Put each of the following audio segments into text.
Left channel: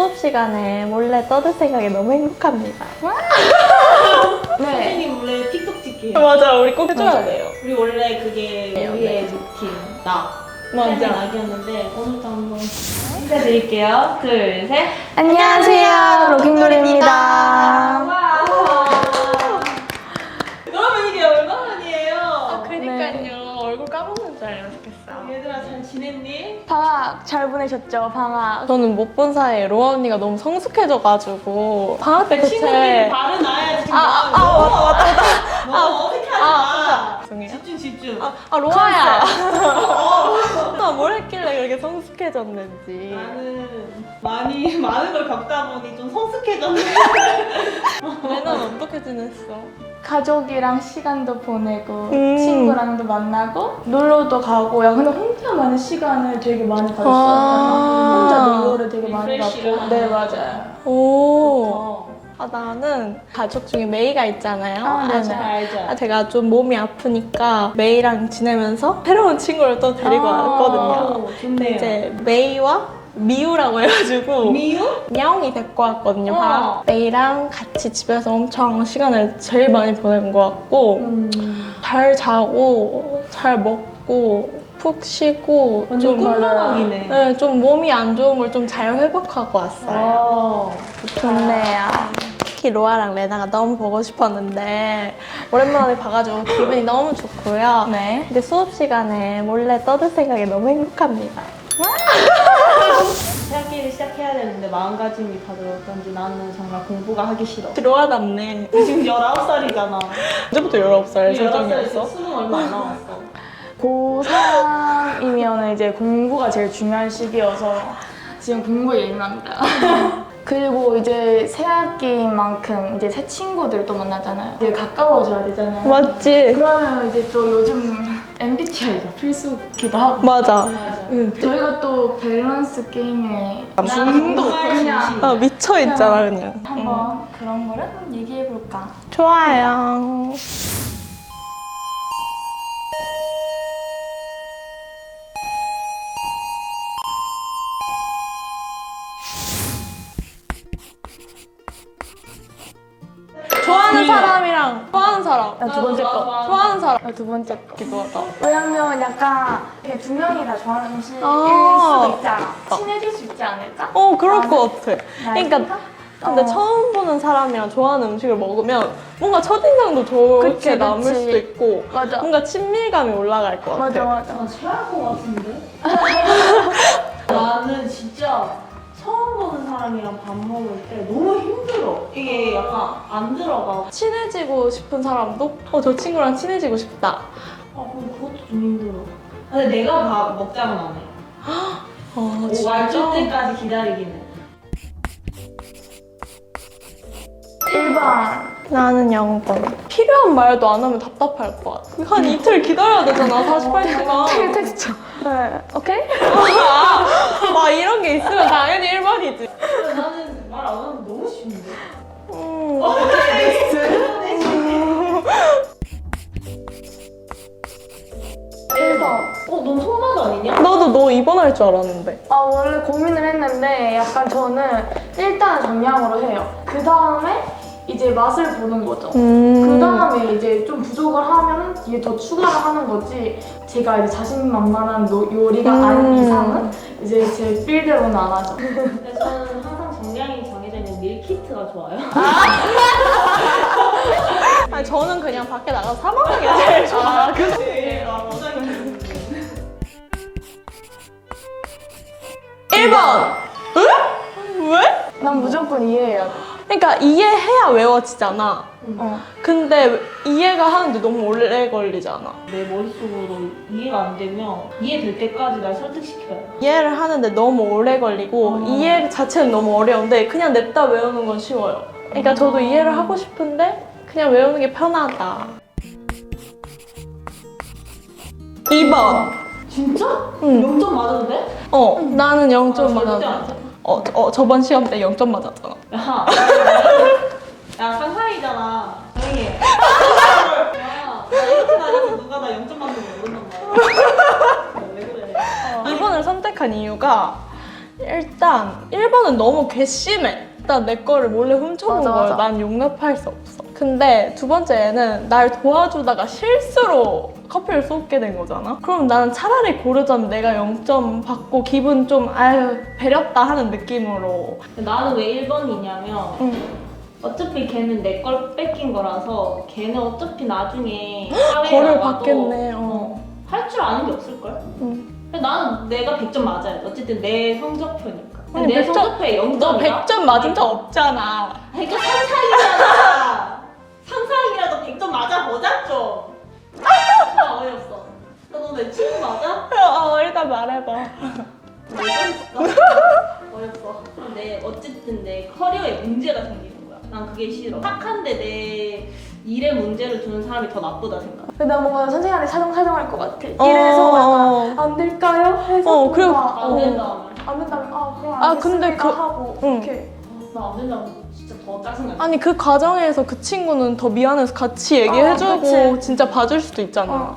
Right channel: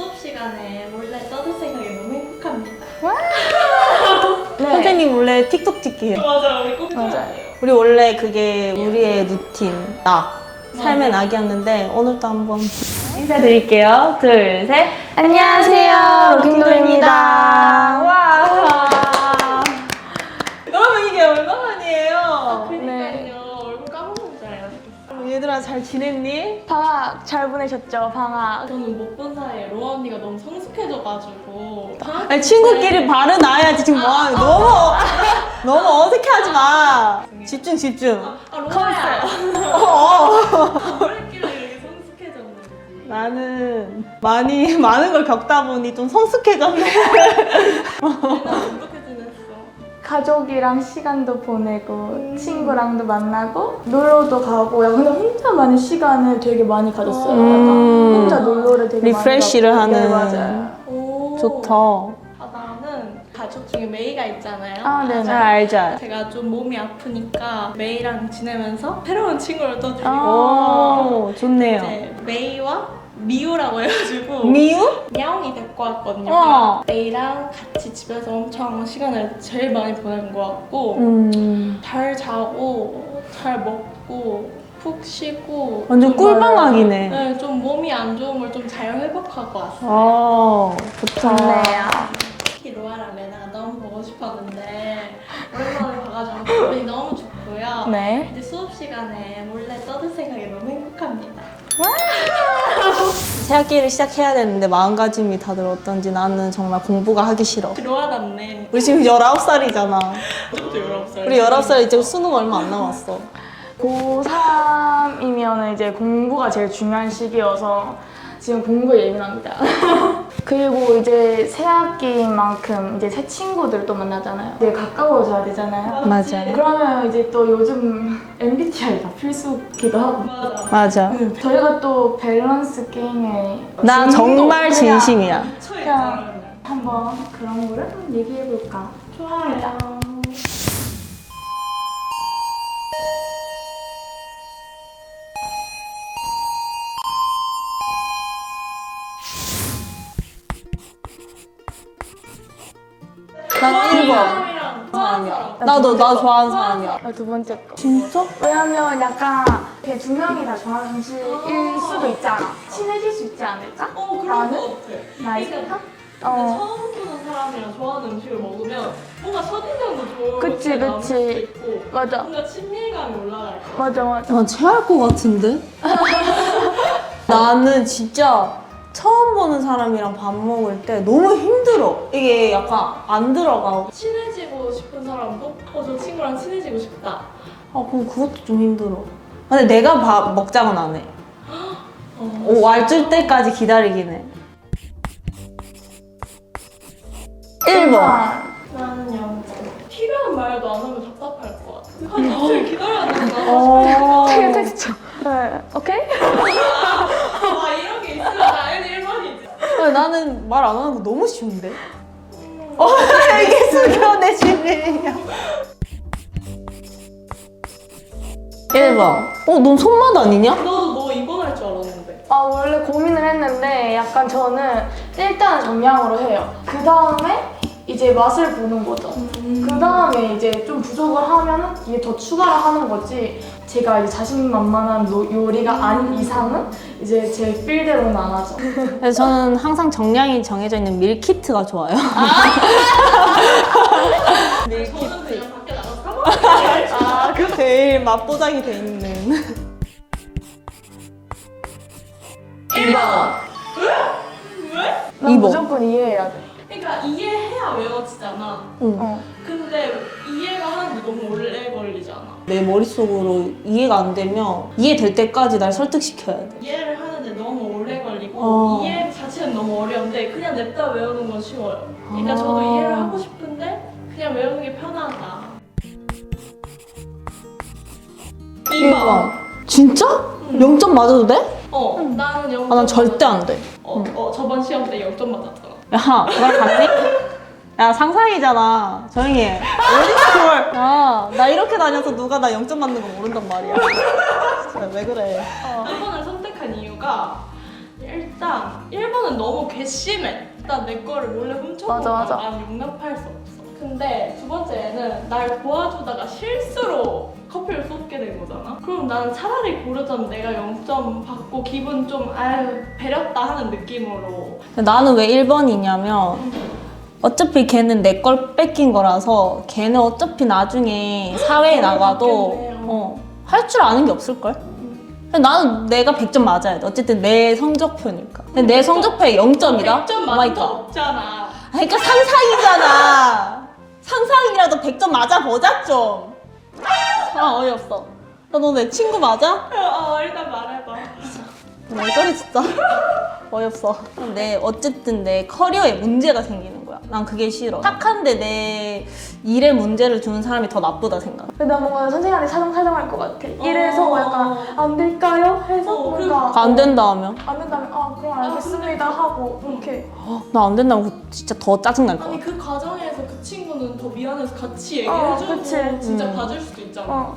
수업 시간에 몰래 떠들 생각이 너무 행복합니다. 네. 선생님 원래 틱톡 찍기 해요. 맞아, 우리 꼭 해줘야 맞아요. 돼요. 우리 원래 그게 우리의 루틴 삶의 맞아. 낙이었는데 오늘도 한번 인사드릴게요. 둘, 셋. 안녕하세요, 로킹돌입니다. 와. 여러분 이게 얼마만이에요? 그니까요. 얼굴 까먹는 줄 알았겠어. 얘들아 잘 지냈니? 방학 잘 보내셨죠? 방학. 저는 못 본 사이에 로아 언니가 너무 성숙해져가지고 방학 때 친구끼리 발은 나야지 지금 뭐하는 너무 어색해하지 마. 집중. 로아야. 뭘 했길래 이렇게 성숙해졌는지. 나는 많은 걸 겪다 보니 좀 성숙해졌네. 얘는 어떻게 지냈어? 가족이랑 시간도 보내고 친구랑도 만나고 놀러도 가고. 야, 근데 혼자만의 시간을 되게 많이 가졌어요. 약간 혼자 놀러를 되게 리프레시를 많이 가고. 하는. 네, 맞아요. 오. 좋다. 나는 가족 중에 메이가 있잖아요. 아, 네네. 잘 알죠. 제가 좀 몸이 아프니까 메이랑 지내면서 새로운 친구를 또 데리고 왔거든요. 오, 좋네요. 이제 메이와 미우라고 해가지고 미우? 야옹이 데리고 왔거든요. 어. 메이랑 같이 집에서 엄청 시간을 제일 많이 보낸 것 같고 잘 자고 잘 먹고 푹 쉬고 완전 좀 꿀방학이네. 네, 좀 몸이 안 좋은 걸 좀 잘 회복하고 왔어요. 좋네요. 특히 로아랑 레나가 너무 보고 싶었는데 오랜만에 봐가지고 기분이 너무 좋고요. 네. 근데 수업 시간에 몰래 떠들 생각이 너무 행복합니다. 새학기를 시작해야 되는데 마음가짐이 다들 어떤지 나는 정말 공부가 하기 싫어. 로아답네. 우리 지금 19살이잖아. 언제부터 19살? 우리 19살 이제 수능 얼마 안 남았어. 고3이면 이제 공부가 제일 중요한 시기여서 지금 공부에 예민합니다. 그리고 이제 새 학기인 만큼 이제 새 친구들 또 만나잖아요. 이제 가까워져야 되잖아요. 맞지? 그러면 이제 또 요즘 MBTI가 필수기도 하고. 맞아. 저희가 또 밸런스 게임에 난 정말 진심이야. 아, 미쳐있잖아 그냥. 한번 그런 거를 한번 얘기해볼까? 좋아요. 좋아하는 사람이랑 좋아하는 사람. 나도 나 좋아하는 사람. 사람. 두 번째 거. 진짜? 왜냐면 약간 이렇게 두 명이 다 좋아하는 음식일 아. 수도 있잖아. 친해질 수 있지 않을까? 그럴 나는? 것 같아. 그러니까 근데 처음 보는 사람이랑 좋아하는 음식을 먹으면 뭔가 첫인상도 좋게 그치, 남을 그치. 수도 있고 맞아. 뭔가 친밀감이 올라갈 것 같아. 맞아. 난 체할 것 같은데? 나는 진짜 처음 보는 사람이랑 밥 먹을 때 너무 힘들어. 이게 약간 안 들어가. 친해지고 싶은 사람도 저 친구랑 친해지고 싶다. 그럼 그것도 좀 힘들어. 근데 내가 밥 먹자고는 안 해. 와줄 때까지 기다리긴 해. 1번. 나는 0번. 필요한 말도 안 하면 답답할 것 같아. 한 이틀 기다려야 되잖아, 48시간. 텍스처. 네. 오케이? 막 이런 게 있으면 당연히 1번이지. 근데 나는 말 안 하는 거 너무 쉬운데? 알겠어. 그러네. 1번. 넌 손맛 아니냐? 나도 너 2번 할 줄 알았는데. 원래 고민을 했는데 약간 저는 일단은 정량으로 해요. 그 다음에 이제 맛을 보는 거죠. 그 다음에 이제 좀 부족을 하면 뒤에 더 추가를 하는 거지. 제가 이제 자신만만한 요리가 아닌 이상은 이제 제 필대로는 안 하죠. 그래서 저는 항상 정량이 정해져 있는 밀키트가 좋아요. 아니, 저는 그냥 밖에 나가서 사 먹는 게 제일 좋아. 그 제일 맛보장이 되는. 1번! 왜? 난 2번. 무조건 이해해야 돼. 그러니까 이해해야 외워지잖아. 어. 근데 이해가 하는데 너무 오래 걸리잖아. 내 머릿속으로 이해가 안 되면 이해될 때까지 날 설득시켜야 돼. 이해를 하는데 너무 오래 걸리고 이해 자체는 너무 어려운데 그냥 냅다 외우는 건 쉬워요. 그러니까 저도 이해를 하고 싶은데 그냥 외우는 게 편하다. 2번. 진짜? 0점 맞아도 돼? 나는 0점 난 절대 안 돼. 저번 시험 때 0점 맞았잖아. 야, 야 상상이잖아. 조용히 해. 야, 나 이렇게 다녀서 누가 나 0점 맞는 거 모른단 말이야. 진짜 왜 그래? 2번을 선택한 이유가 일단 1번은 너무 괘씸해. 일단 내 거를 몰래 훔쳐본 맞아, 거야. 맞아. 난 용납할 수 없어. 근데 두 번째는 날 도와주다가 실수로 커피를 쏟게 된 거잖아? 그럼 나는 차라리 고르자면 내가 0점 받고 기분 좀 아유 배렸다 하는 느낌으로. 나는 왜 1번이냐면 응. 어차피 걔는 내 걸 뺏긴 거라서 걔는 어차피 나중에 사회에 벌을 나가도 받겠네, 할 줄 아는 게 없을 걸. 응. 나는 내가 100점 맞아야 돼. 어쨌든 내 성적표니까. 근데 내 100점 성적표에 0점이다? 100점 맞은 적 없잖아. 그러니까 상상이잖아. 상상이라도 100점 맞아보자 좀. 아 어이없어. 너 내 친구 맞아? 일단 말해봐. 이건 진짜 어이없어. 근데 어쨌든 내 커리어에 문제가 생기는 거야. 난 그게 싫어. 착한데 내 일에 문제를 주는 사람이 더 나쁘다 생각. 근데 나 뭔가 선생님한테 사정할 것 같아. 이래서 약간 안 될까요? 해서 그리고 뭔가 안 된다 하면? 안 된다면 그럼 근데 알겠습니다 하고 응. 이렇게 나 안 된다고 진짜 더 짜증날 거야. 아니 그 과정에서 그 친구는 더 미안해서 같이 얘기해주고 그치. 진짜 봐줄 수도 있잖아.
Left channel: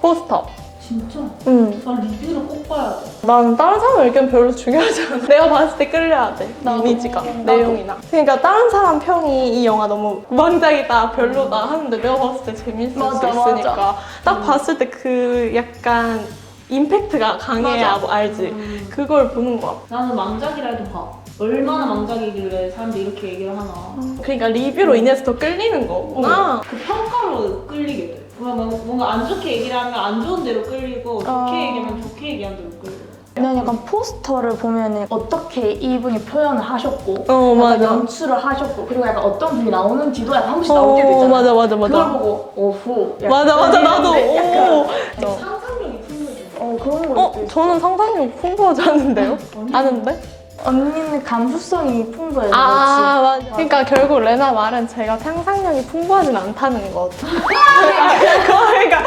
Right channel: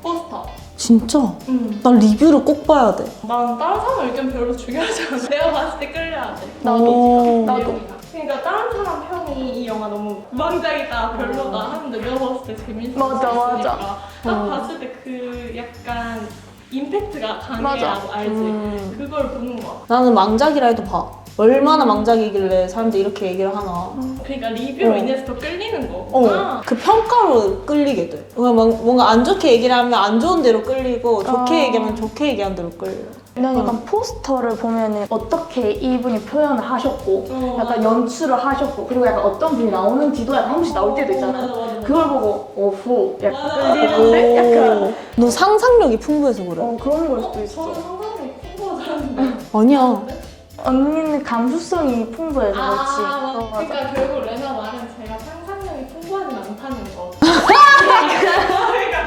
포스터. 진짜? 응. 나 리뷰를 꼭 봐야 돼. 난 다른 사람 의견 별로 중요하지 않아. 내가 봤을 때 끌려야 돼. 이미지가, 나도. 내용이나. 그러니까 다른 사람 평이 이 영화 너무 우왕좌이다, 별로다 하는데 내가 봤을 때 재밌을 수 맞아, 있으니까 맞아. 딱 봤을 때 그 약간 임팩트가 강해야 맞아. 알지. 그걸 보는 거야. 나는 망작이라 해도 봐. 얼마나 망작이길래 사람들이 이렇게 얘기를 하나. 그러니까 리뷰로 인해서 더 끌리는 거구나. 그 평가로 끌리게 돼. 뭔가 안 좋게 얘기를 하면 안 좋은 대로 끌리고 좋게 얘기하면 좋게 얘기하는 대로 끌려. 난 약간 포스터를 보면은 어떻게 이분이 표현을 하셨고 약간 맞아. 연출을 하셨고 그리고 약간 어떤 분이 나오는지도 약간 한 번씩 나올 때도 있잖아. 맞아. 그걸 보고 오후 약간 맞아. 나도. 약간 너 상상력이 풍부해서 그래. 그런 걸 수도 있어. 저는 상상력 풍부하지 않은데요? 아니야. 아는데? 언니는 감수성이 풍부해서 그렇지. 맞아. 그러니까 결국 레나 말은 제가 상상력이 풍부하진 않다는 것. 그러니까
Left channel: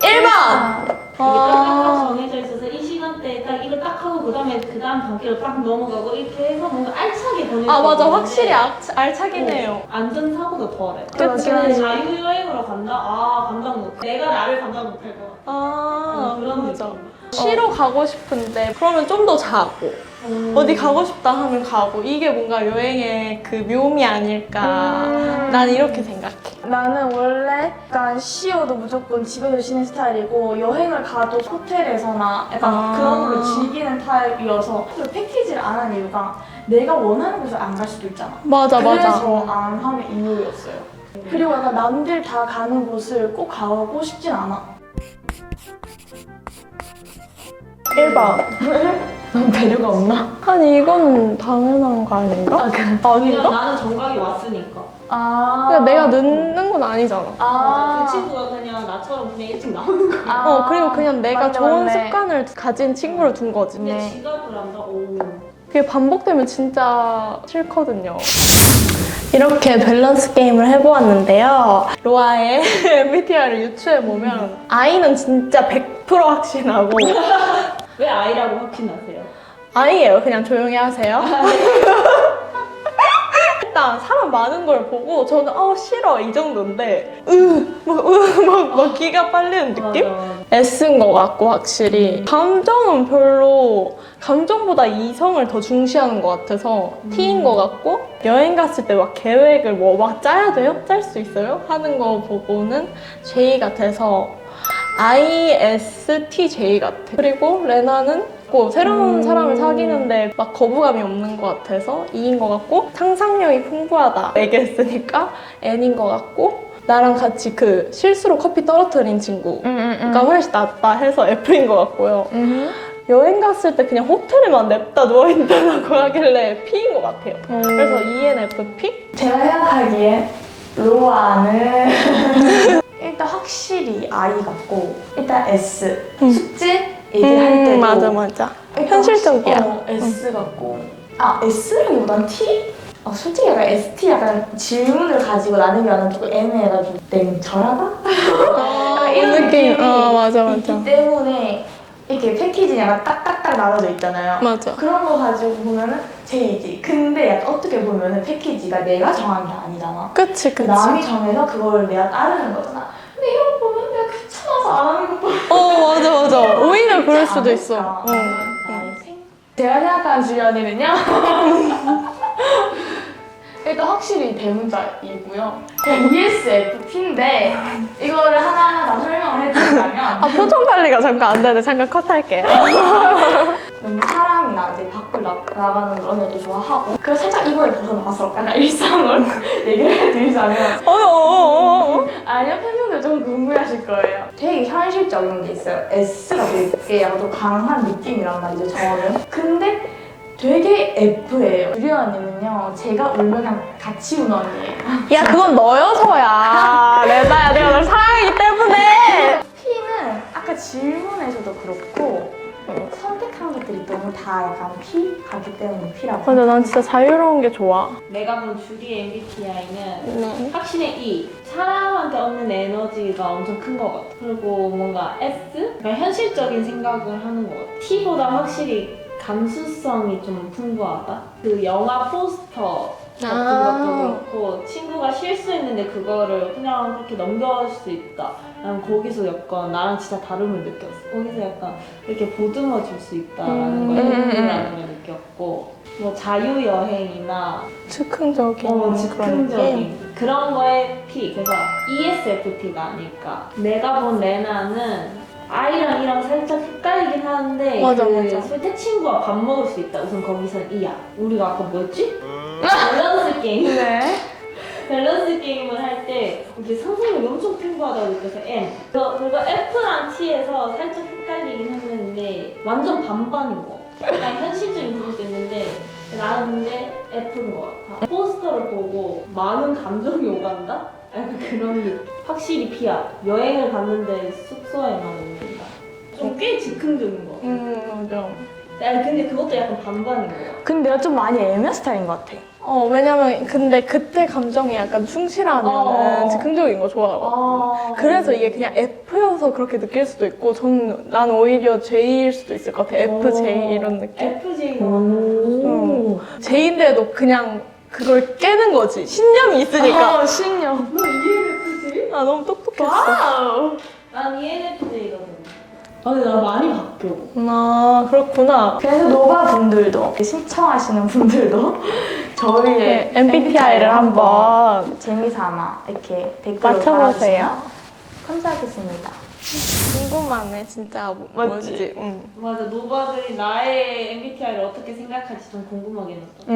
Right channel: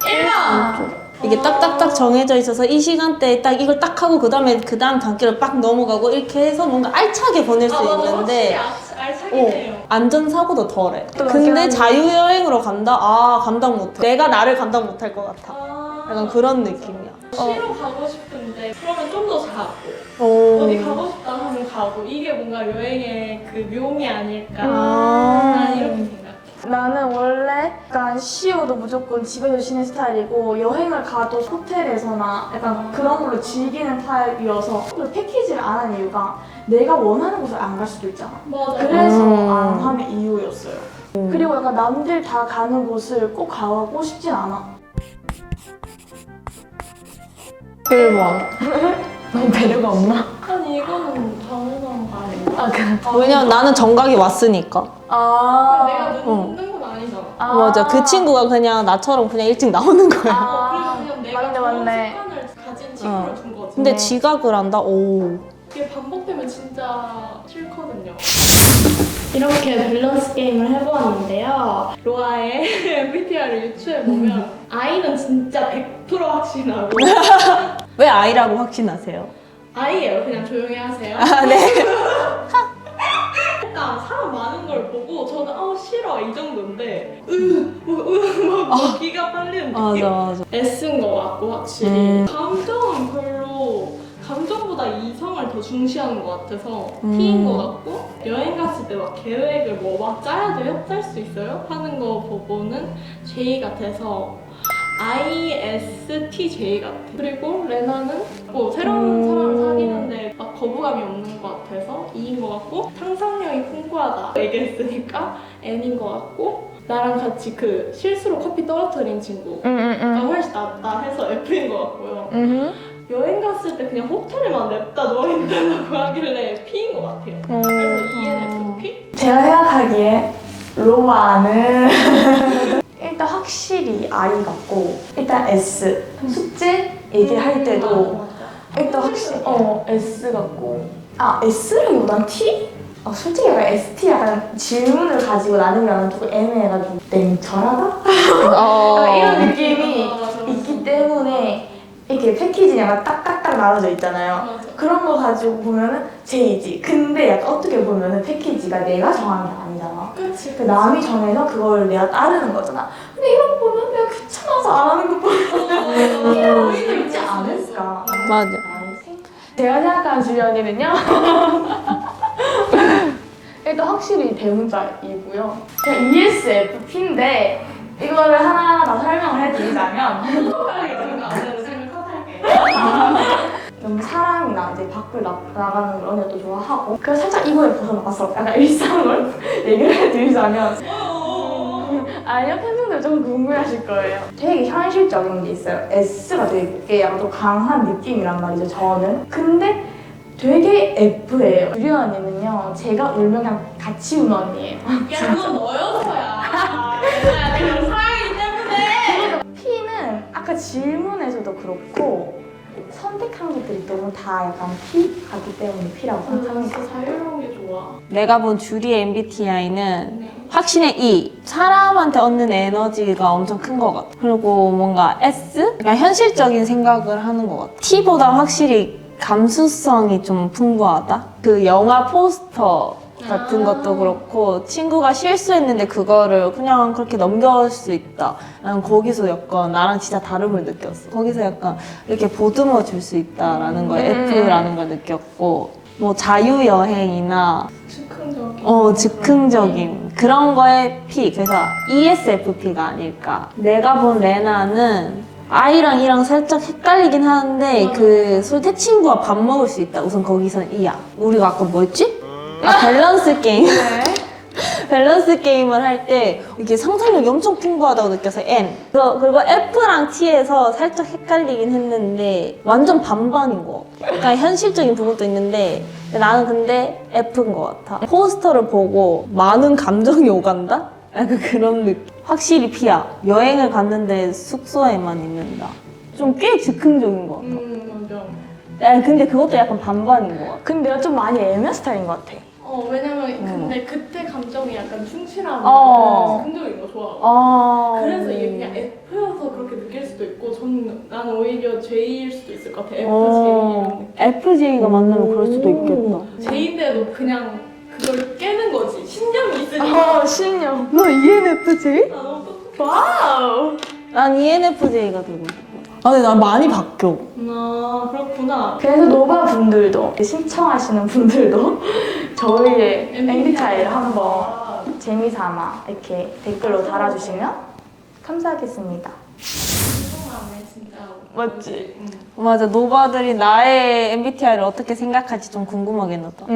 1번! 이게 딱딱딱 정해져 있어서 이 시간대에 딱 이걸 딱 하고 그 다음 단계로 빡 넘어가고 이렇게 해서 뭔가 알차게 보낼 수 맞아. 있는데 확실히 알차긴 해요. 안전사고도 덜해. 또 근데 맞긴 자유여행으로 간다? 감당 못해. 내가 나를 감당 못할 것 같아. 약간 그런 느낌이야. 쉬러 가고 싶은데 그러면 좀 더 자고 어디 가고 싶다 하면 가고 이게 뭔가 여행의 그 묘미 아닐까. 난 이렇게 생각해. 나는 원래 약간 쉬어도 무조건 집에서 쉬는 스타일이고 여행을 가도 호텔에서나 약간 그런 걸로 즐기는 타입이어서 패키지를 안 하는 이유가 내가 원하는 곳을 안 갈 수도 있잖아. 맞아. 그래서 안 하는 이유였어요. 그리고 약간 남들 다 가는 곳을 꼭 가고 싶진 않아. 1번. 넌 배려가 없나? 아니 이거는 당연한 거 아닌가? 왜냐면 나는 정각이 왔으니까. 그러니까 내가 늦는 건 아니잖아. 맞아. 그 친구가 그냥 나처럼 그냥 일찍 나오는 거야. 그리고 그냥 내가 맞네, 좋은 맞네. 습관을 가진 친구를 둔 거지. 근데 지각을 한다? 오. 그게 반복되면 진짜 싫거든요. 이렇게 밸런스 게임을 해보았는데요. 로아의 MBTI를 유추해보면 I는 진짜 100% 확신하고 왜 아이라고 확신하세요? I예요. 그냥 조용히 하세요. 일단 사람 많은 걸 보고 저는 싫어 이 정도인데 막 기가 빨리는 느낌? 맞아. S인 것 같고 확실히 감정은 별로 감정보다 이성을 더 중시하는 것 같아서 T인 것 같고 여행 갔을 때 막 계획을 막 짜야 돼요? 짤 수 있어요? 하는 거 보고는 J 같아서 ISTJ 같아. 그리고 레나는 뭐 새로운 사람을 사귀는데 막 거부감이 없는 것 같아서 E인 것 같고 상상력이 풍부하다 얘기했으니까 N인 것 같고 나랑 같이 그 실수로 커피 떨어뜨린 친구가 훨씬 낫다 해서 F인 것 같고요. 여행 갔을 때 그냥 호텔에만 냅다 누워있다고 하길래 P인 것 같아요. 그래서 ENFP? 제가 생각하기에 로아는 일단 확실히 I 같고 일단 S 숙제 얘기할 때도 맞아. 일단 현실적이야. S 같고 S라기보단 T? 솔직히 약간 ST 약간 질문을 가지고 나누기 하면 조금 애매해가지고 냉철하다? 약간 이런 느낌이 맞아. 있기 때문에 이렇게 패키지 약간 딱딱딱 나눠져 있잖아요. 맞아. 그런 거 가지고 보면은 J지. 근데 약간 어떻게 보면은 패키지가 내가 정한 게 아니잖아. 그치. 남이 정해서 그걸 내가 따르는 거잖아. 근데 신어서 안 하는 것보다 맞아. 오히려 그럴 수도 않을까? 있어. 맞아. 제가 생각하는 주연이는요. 일단 확실히 대문자이고요. 그냥 ESFP인데 이거를 하나하나 설명을 해드리자면 표정 관리가 잠깐 안 되는데 잠깐 컷할게. 너무 사람이나 이제 밖을 나가는 그런 것도 좋아하고 그래서 살짝 이거에 벗어나서 약간 일상을 얘기를 해드리자면 아니요, 팬분들 좀 궁금해하실 거예요. 되게 현실적인 게 있어요. S가 되게 약간 좀 강한 느낌이란 말이죠, 저는. 근데 되게 F예요. 유리 언니는요, 제가 울면 그냥 같이 우는 언니예요. 야, 그건 너여서야. 내가 사랑이기 때문에. P는 아까 질문에서도 그렇고 선택한 것들이 너무 다 약간 P 같기 때문에 P라고 근데 난 생각합니다. 진짜 자유로운 게 좋아. 내가 본 주리의 MBTI는 네. 확실히 E. 사람한테 얻는 에너지가 엄청 큰 것 같아. 그리고 뭔가 S? 그냥 현실적인 생각을 하는 것 같아. T보다 확실히 감수성이 좀 풍부하다. 그 영화 포스터 같은 것도 그렇고 친구가 실수했는데 그거를 그냥 그렇게 넘겨올 수 있다. 난 거기서 약간 나랑 진짜 다름을 느꼈어. 거기서 약간 이렇게 보듬어 줄 수 있다라는 걸 F라는 걸 느꼈고 뭐 자유여행이나 즉흥적인. 즉흥적인 그런 거에 P. 그래서 ESFP가 아닐까. 내가 본 레나는 I랑 E랑 살짝 헷갈리긴 하는데 맞아, 그 맞아. 솔직히 친구와 밥 먹을 수 있다. 우선 거기선 E야. 우리가 아까 뭐였지? 밸런스 게임. 네. 밸런스 게임을 할 때 이게 상상력이 엄청 풍부하다고 느껴서 N. 그리고 F랑 T에서 살짝 헷갈리긴 했는데 완전 반반인 것 같아. 약간 현실적인 부분도 있는데 나는 근데 F인 것 같아. 포스터를 보고 많은 감정이 오간다? 약간 그런 느낌. 확실히 P야. 여행을 갔는데 숙소에만 있는다. 좀 꽤 즉흥적인 것 같아. 맞아. 근데 그것도 약간 반반인 것 같아. 근데 내가 좀 많이 애매 스타일인 것 같아. 왜냐면 근데 그때 감정이 약간 충실하면 즉흥적인 거 좋아하고. 그래서 이게 그냥 F여서 그렇게 느낄 수도 있고, 난 오히려 J일 수도 있을 것 같아. FJ 이런 느낌. FJ가 만나면 그럴 수도 있겠다. J인데도 그냥 그걸 깨는 거지. 신념이 있으니까. 신념. 너 ENFJ? 아, 너무 똑똑해. 와우. 난 ENFJ가 되고. 근데 난 많이 바뀌어. 아, 그렇구나. 그래서 노바 분들도 신청하시는 분들도 저희의 MBTI를 한번 재미삼아 이렇게 댓글로 맞춰보세요. 달아주시면 감사하겠습니다. 궁금하네, 진짜. 맞지? 응. 맞아, 노바들이 나의 MBTI를 어떻게 생각할지 좀 궁금하긴 하다.